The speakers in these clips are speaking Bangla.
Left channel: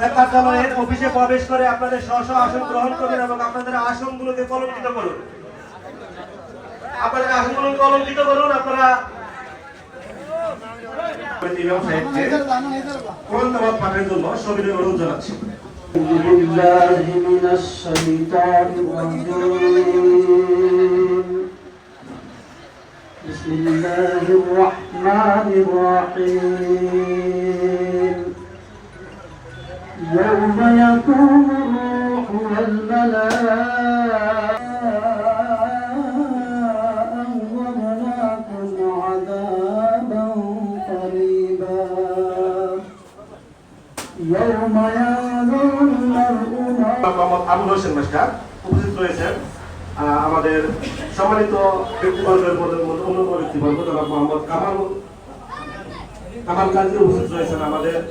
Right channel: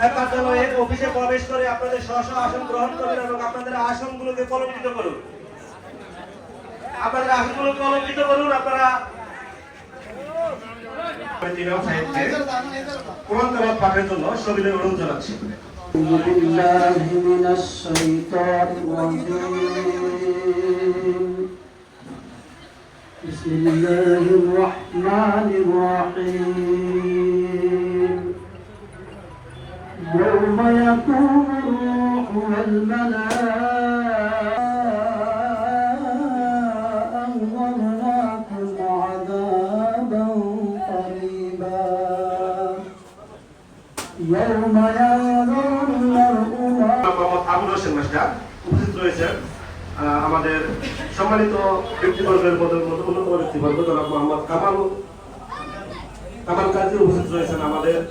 এক কার্যালয়ের অফিসে প্রবেশ করে আপনাদের স্ব স্ব আসন গ্রহণ করবেন এবং আপনাদের আসনগুলোকে কলঙ্কিত করুন আপনাদের আসনগুলো কলঙ্কিত করুন আপনারা ইমাম সাহেবকে কোরআন তেলাওয়াত পাঠের জন্য সবিনয় অনুরোধ জানাচ্ছি أعوذ بالله من الشيطان الرجيم بسم الله الرحمن الرحيم يوم يقوم الروح والملائكة ومناكم عذابا قريبا يوم ينظر المرء ما মোহাম্মদ আমর হোসেন মাস্টার উপস্থিত রয়েছেন আহ, আমাদের সম্মানিত ব্যক্তিবর্গের মধ্যে মধ্যে অন্যতম ব্যক্তিবর্গ জনাব মোহাম্মদ কামাল কামাল কাজী উপস্থিত রয়েছেন আমাদের আহ,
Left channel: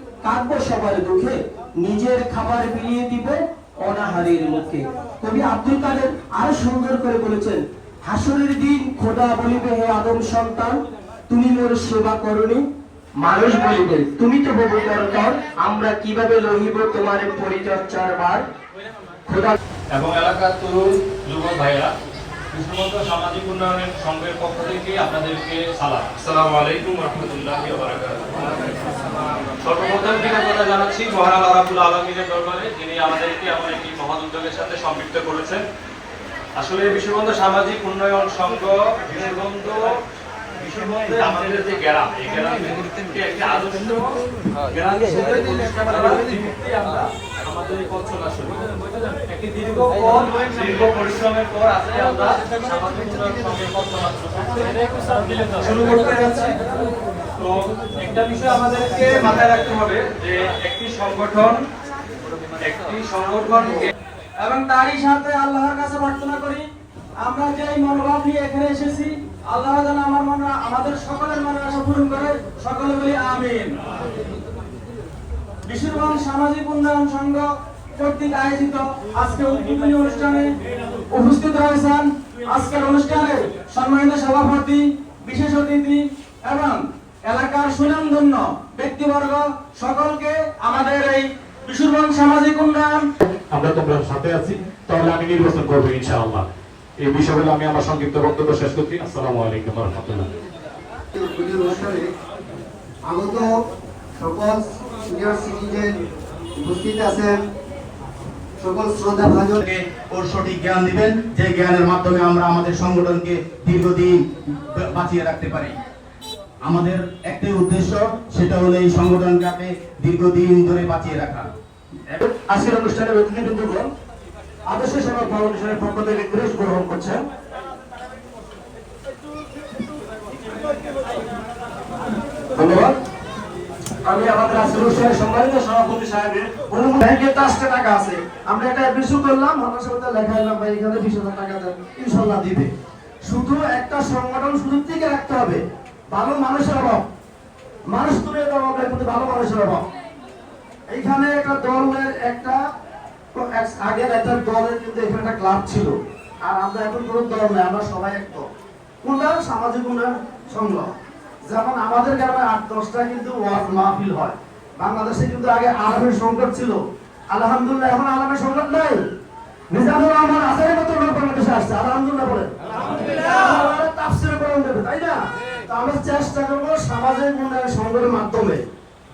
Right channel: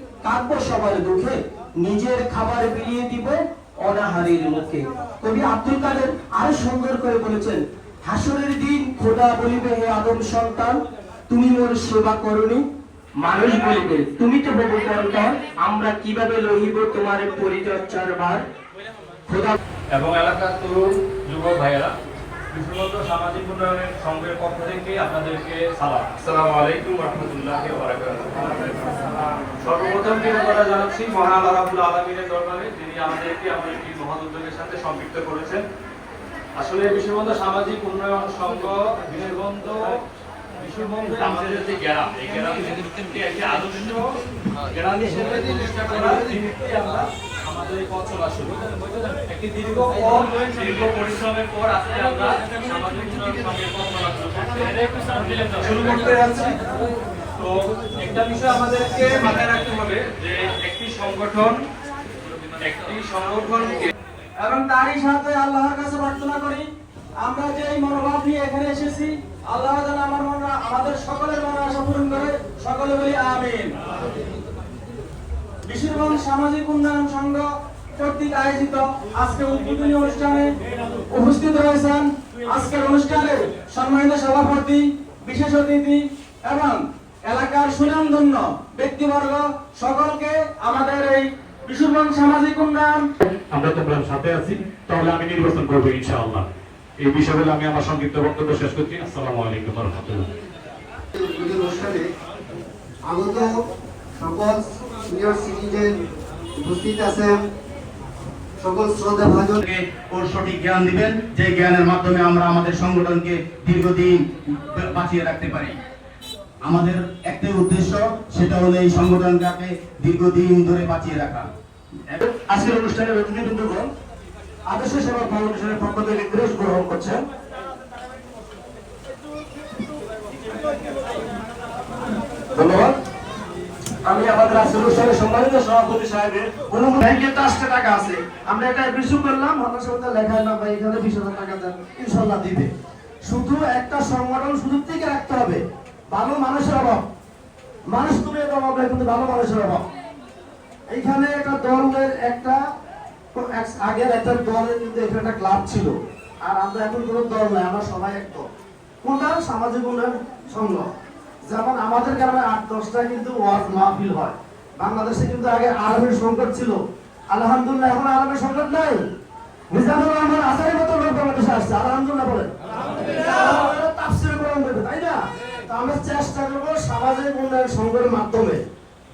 কাঁদবো সবার দুঃখে নিজের খাবার বিলিয়ে দিব অনাহারের মুখে। কবি আব্দুল কাদের আরও সুন্দর করে বলেছেন, হাসরের দিন খোদা বলিবে, হে আদম সন্তান, তুমি মোর সেবা করনি। মানুষ বলিবে, তুমি তো বহু করতর আমরা কীভাবে লহিব তোমার পরিচর্যার ভার? খোদা এবং এলাকার তরুণ যুবক ভাইয়েরা কৃষ্ণবন্ধ সামাজিক উন্নয়নের সংঘের পক্ষ থেকে আপনাদেরকে সালাম। আসসালামু আলাইকুম রহমতুল্লাহ সর্বপ্রথম জানাচ্ছি মহান আল্লাহ রাবুল আলমীর দরবারে যিনি আমাদেরকে এমন একটি মহৎ উদ্যোগের সাথে সম্পৃক্ত করেছেন। আসলে বিশ্ববন্ধ সামাজিক উন্নয়ন সংঘ বিশ্ববন্ধ বিশ্ববন্ধে আমাদের যে গ্রাম এই একটি আদর্শ গ্রাম হিসেবে আমরা আমাদের একটি বিষয় আমাদেরকে মাথায় রাখতে হবে যে একটি সংগঠন, একটি এবং তারই সাথে আল্লাহর কাছে প্রার্থনা করি, আমরা যে মনোভাব নিয়ে এখানে এসেছি, আল্লাহ যেন আমার মনে আমাদের সকলের মনের আশা পূরণ করে, সকলে বলি আমিন। বিশ্ববঙ্গ সামাজিক উন্নয়ন সংঘ কর্তৃক আয়োজিত আজকে উদ্বোধনী অনুষ্ঠানে উপস্থিত রয়েছেন আজকের অনুষ্ঠানে সম্মানিত সভাপতি বিশেষ অতিথি এবং এলাকার সুনামধন্য ব্যক্তিবর্গ সকলকে আমাদের এই বিশ্ববঙ্গ সামাজিক উন্নয়ন আমরা তোমরা সাথে আছি তাহলে আমি নির্বাচন করব ইনশাআল্লাহ। এই বিষয় বলে আমি আমার সংক্ষিপ্ত বক্তব্য শেষ করছি। আসসালামু আলাইকুম রহমতুল্লাহ। আগত সকল সিনিয়র সিটিজেন উপস্থিত আছেন সকল শ্রদ্ধা ভাজনকে ওর সঠিক জ্ঞান দিবেন। যে জ্ঞানের মাধ্যমে আমরা আমাদের সংগঠনকে দীর্ঘদিন বাঁচিয়ে রাখতে পারি। আমাদের একটাই উদ্দেশ্য, সেটা হলো এই সংগঠনটাকে দীর্ঘদিন ধরে বাঁচিয়ে রাখা। আজকের অনুষ্ঠানের অতিথি বৃন্দগণ আদর্শ সেবা ফাউন্ডেশনের পক্ষ থেকে ক্রেস গ্রহণ করছেন। ধন্যবাদ। আমি আমাদের অনুষ্ঠানের সম্মানিত সভাপতি সাহেবের অনুমোদন ব্যাংকে পাঁচটা টাকা আছে। আমরা একটা বিশু করলাম আমার সাথে লেখা এলাম ভাই, এখানে বিশ হাজার টাকা দেন ইনশাল্লাহ দিবে। শুধু একটা সংগঠন শুধু থেকে রাখতে হবে। ভালো মানুষের অভাব। মানুষ তুমি অভাব কিন্তু ভালো মানুষের অভাব। এইখানে একটা দলের একটা আগের একটা দলের কিন্তু এখানে একটা ক্লাব ছিল। আর আমরা এখন কোনো দল নয়, আমরা সবাই এক দল। কোনটা সামাজিক উন্নয়ন সংঘ যেমন আমাদের গ্রামে আট দশটা কিন্তু ওয়ার্ড মাহফিল হয়। বাংলাদেশে কিন্তু আগে আলমের সংকট ছিল। আলহামদুলিল্লাহ এখন আলমের সংকট নাই। নিজামুর রহমান আসারের মতো লোক বাংলাদেশে আসছে। আলহামদুলিল্লাহ বলে তাফসির কোরআন দেবে তাই না? তো আমরা চেষ্টা করব সামাজিক উন্নয়ন সংঘের মাধ্যমে।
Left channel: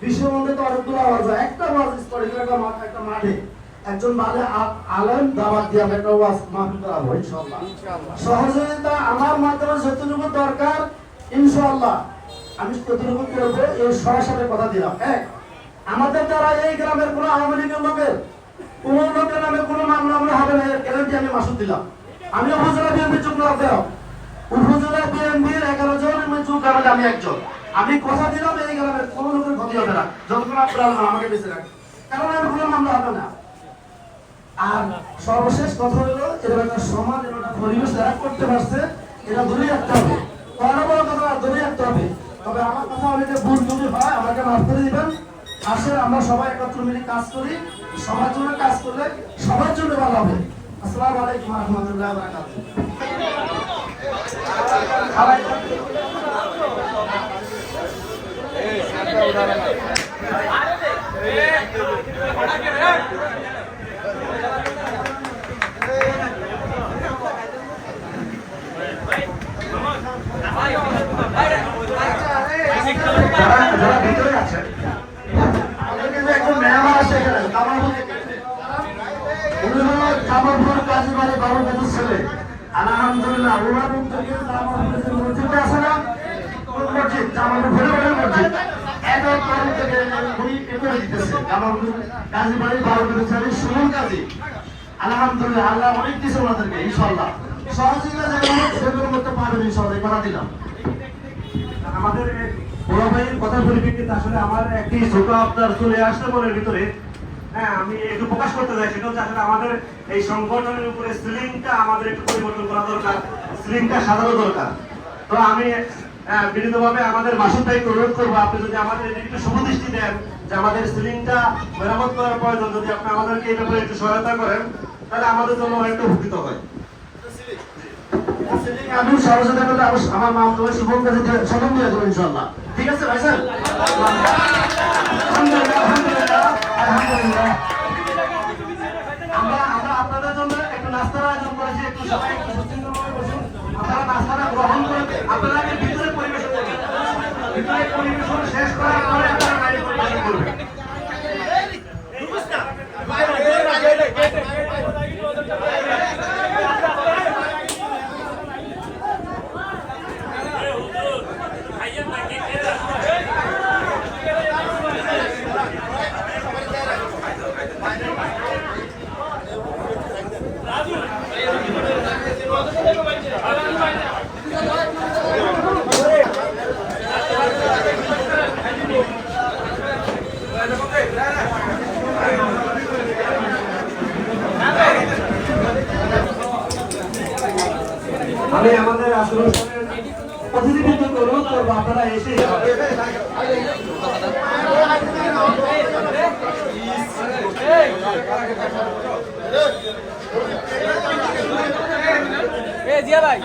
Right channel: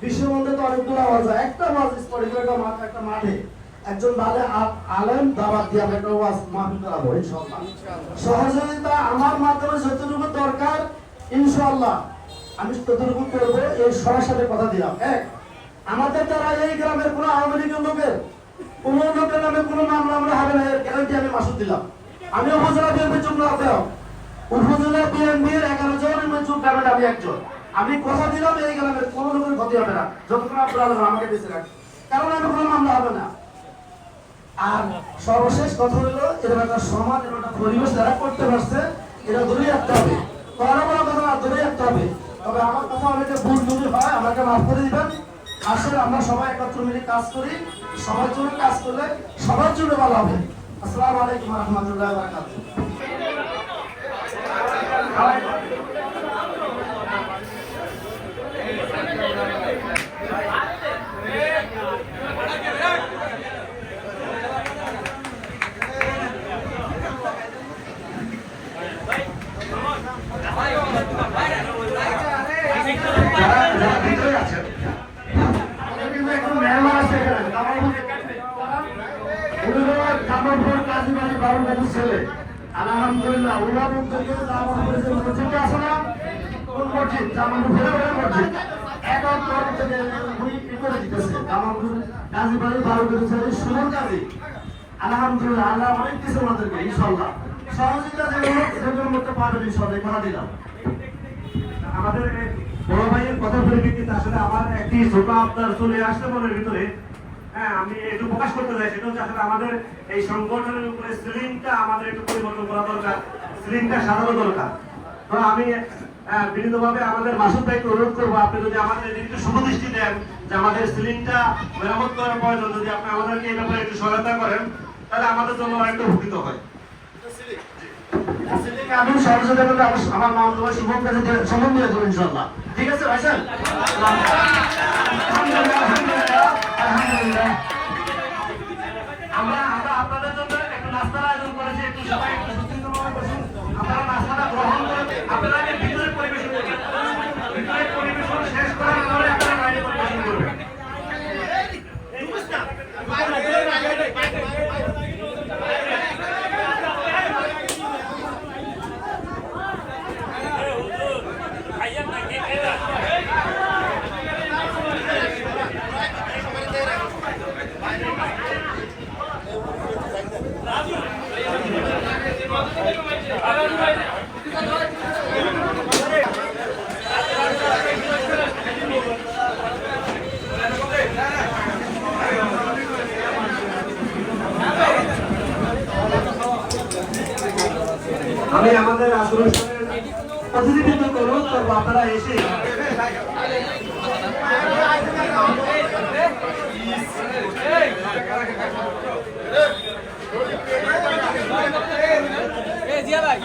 বিশ্বের মধ্যে তো অনেকগুলো আওয়াজ হয়। একটা ওয়াজ করে একটা মাঠ একটা মাঠে একজন ভালো আলেম দাওয়াত দিয়ে আমরা একটা ওয়াজ মাহফিল করাবো ইনশাআল্লাহ। সহযোগিতা আমার মাধ্যমে যতটুকু দরকার ইনশাআল্লাহ। আমি ততটুকু করব এই সবার সাথে কথা দিলাম। এক, আমাদের দ্বারা এই গ্রামের কোনো আওয়ামী লীগের লোকের, কোন লোকের নামে কোনো মামলা আমরা হবে না, এর গ্যারান্টি আমি মাসুদ দিলাম। আমি উপজেলা বিএনপি চুক্তি দেওয়া উপজেলা বিএনপির এগারো জনের মধ্যে চুপ গ্রামের আমি একজন। আমি কথা দিলাম, এই গ্রামের কোনো লোকের ক্ষতি হবে না। যতক্ষণ আপনারা আমাকে বেঁচে রাখেন কারণ আমি কোনো মামলা হবে না। আর সর্বশেষ কথা হলো এরকম একটা সমাজ এরকম একটা পরিবেশ যারা করতে পারছে এটা দূরে রাখতে হবে। কথা দূরে রাখতে হবে। তবে আমার কথা হলে যে ভুল যদি হয়, আমাকে মাফ করে দিবেন। আসলে আমরা সবাই একত্র মিলে কাজ করি, সবার জন্য কাজ করলে সবার জন্য ভালো হবে। আসসালামু আলাইকুম রহমতুল্লাহ বারাকাতুহু যারা যারা ভিতরে আছে আমাদের কিন্তু এখন মেহমান আছে এখানে কামালপুর উনি হলো বাবু গাজীর ছেলে। আলহামদুলিল্লাহ ওনার কিন্তু আছে না? মসজিদ? ভরে ভরে মসজিদ। কাজী। আমাদের ভাইয়ের কথা পরিপ্রেক্ষিতে আসলে আমার একটি ছোট আপনার চলে আসতে মনের ভিতরে। হ্যাঁ আমি একটু প্রকাশ করতে চাই সেটা হচ্ছে আসলে আমাদের এই সংগঠনের উপরে সিলিংটা আমাদের একটু পরিবর্তন করা দরকার সিলিংটা সাজানো দরকার। তো আমি আহ, বিনীতভাবে আমাদের মাসুদ ভাইকে অনুরোধ করব আপনি যদি আমাদের একটু শুভদৃষ্টি দেন যে আমাদের সিলিংটা মেরামত করার প্রয়োজন যদি আপনি আমাদেরকে এই ব্যাপারে একটু সহায়তা করেন তাহলে আমাদের জন্য অনেকটা উপকৃত হয়। আমি সহযোগিতা আমার মা তোমার শুভম কাছে সম্মান দিয়ে ইনশাল্লাহ ঠিক আছে ভাই স্যার আমরা আমরা আপনাদের জন্য একটু নাস্তার আয়োজন করেছি, একটু সবাই একটু সুচিন্তিতভাবে বসুন। আপনারা গ্রহণ করে আপনারা ভিতরে পরিবেশন করবেন ভিতরে পরিবেশন শেষ করার পরে আপনারা বাইরে পরিবেশন করবেন আমি আমাদের আসলে অতিথিবৃন্দকে অনুরোধ করব আপনারা এসে এ জিয়া ভাই।